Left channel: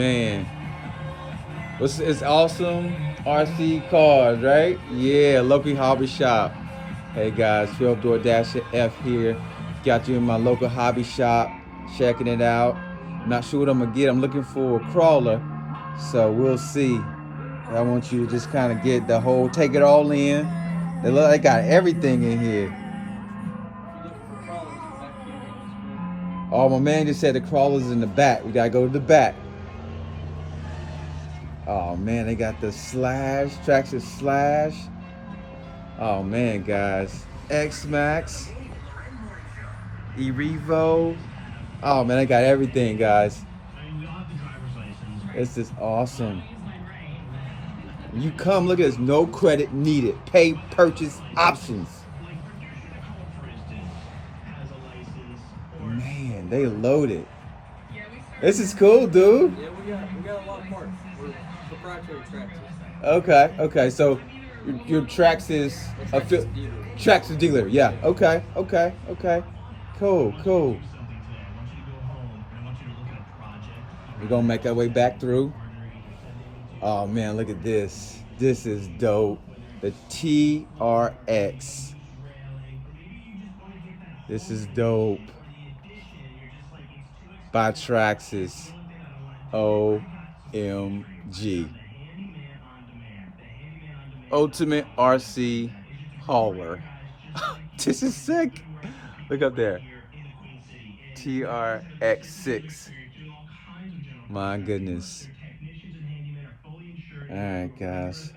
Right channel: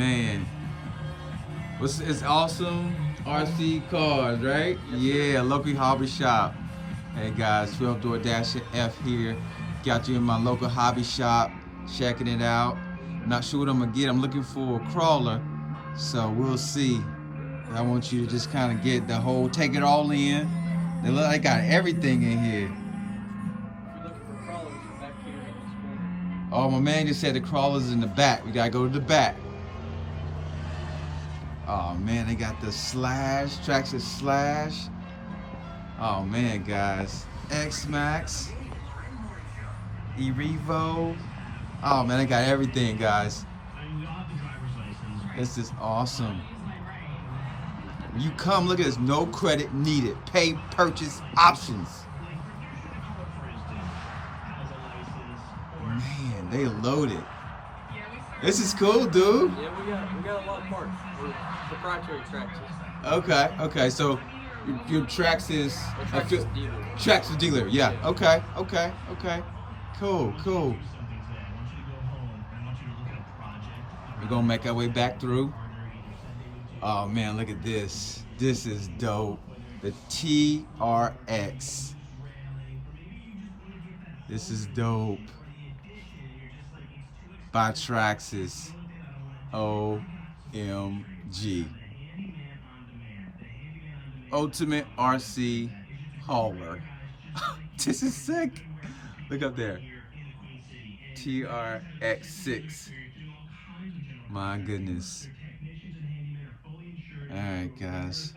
Man, it's awesome. RC cars, right? Yeah, local hobby shop. Hey guys, 12 Door Dash F here. Got you in my local hobby shop, checking it out. Not sure what I'm gonna get. I'm looking for a crawler, so we'll see. I want you to just kind of get the whole, take it all in. They got everything in here. If you're looking for crawlers, back here in this corner. Oh, my man just said the crawler's in the back. We gotta go to the back. Oh man, they got the Slash, Traxxas Slash. Oh man, guys. X-Max, E-Revo. Oh man, I got everything, guys. This is awesome. When you come, look at this. No credit needed. Pay purchase options. Man, they loaded. This is cool, dude. Yeah, we got a lot of parts. We're proprietary Traxxas. Okay. So your Traxxas Dealer. Traxxas dealer. Yeah. Okay. Cool. We're gonna make our way back through. Oh man, look at this. This is dope. The TRX. This is dope. By Traxxas. OMG. Ultimate RC hauler. This is sick. Look up there. TRX6. My goodness. Alright guys.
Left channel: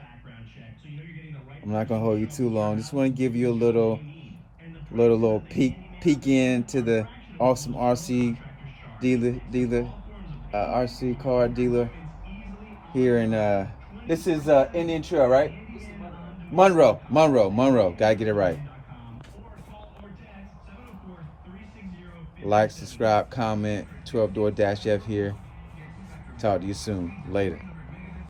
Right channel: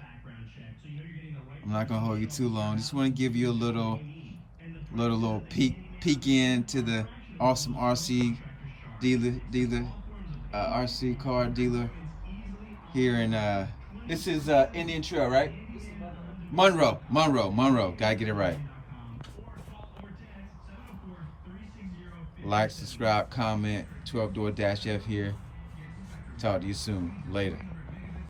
I'm not gonna hold you too long. Just want to give you a little peek into the awesome RC dealer RC car dealer here in this is Indian Trail, right? Monroe. Gotta get it right. Like, subscribe, comment. 12 Door Dash F here. Talk to you soon. Later.